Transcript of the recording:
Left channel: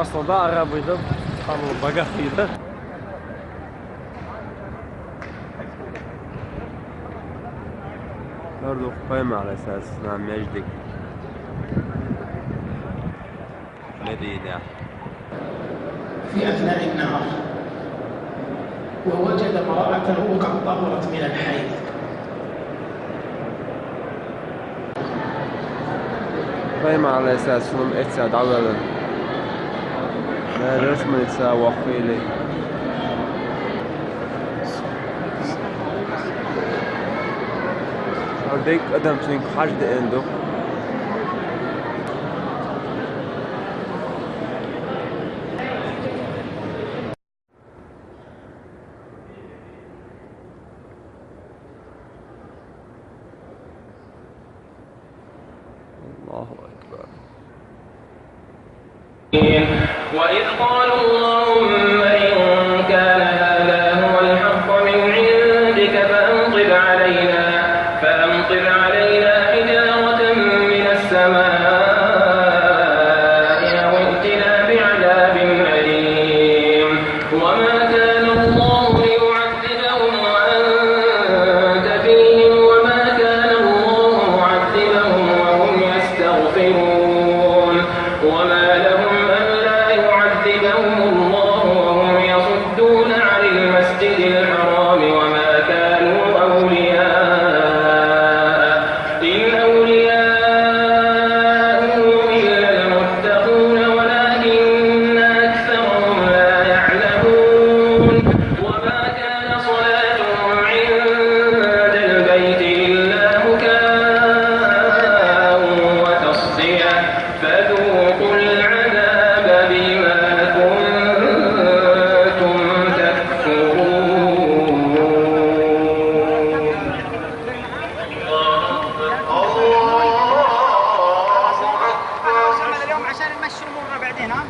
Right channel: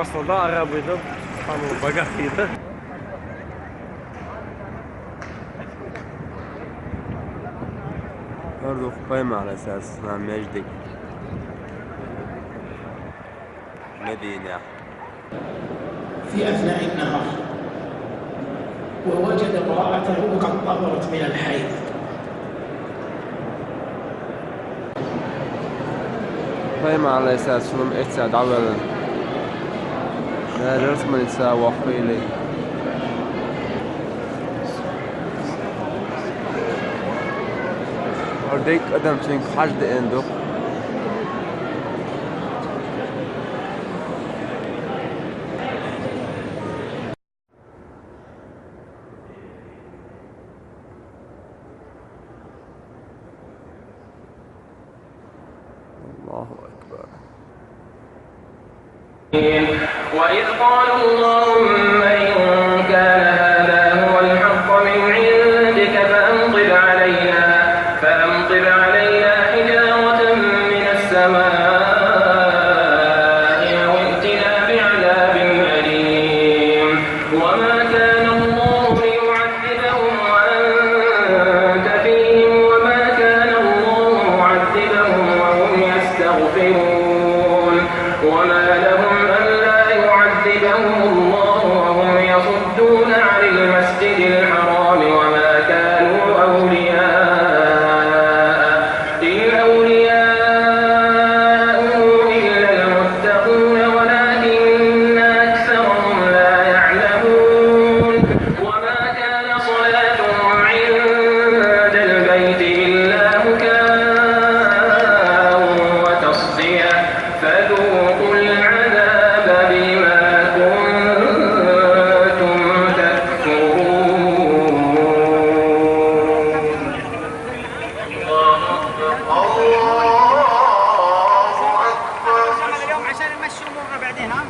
Aslında arabaydı, tamam bagajıydı. برضو قائمة على أساس اسمها مجدي مدينة. في أثناء النهار ووجد امرأته قد طهرت من الحيض. قائمة على أساس شنو اتساعد أولا ما رسم نساء وخيلي هرديك قدم تنك حشد عنده الله أكبر. وإذ قالوا اللهم إن كان هذا هو الحق من عندك فأمطر علينا حجارة من السماء أو ائتنا بعذاب أليم. وما كان الله ليعذبهم وأنت فيهم وما كان الله معذبهم وهم يستغفرون. وما لهم ألا يعذبهم الله وهم يصدون عن المسجد الحرام وما كانوا أولياءه إن أولياءه إلا المتقون ولكن أكثرهم لا يعلمون. وما كان صلاتهم عند البيت إلا مكاء وتصدية فذوقوا العذاب بما كنتم تكفرون. اليوم عشان نمشي امورنا بعدين ها.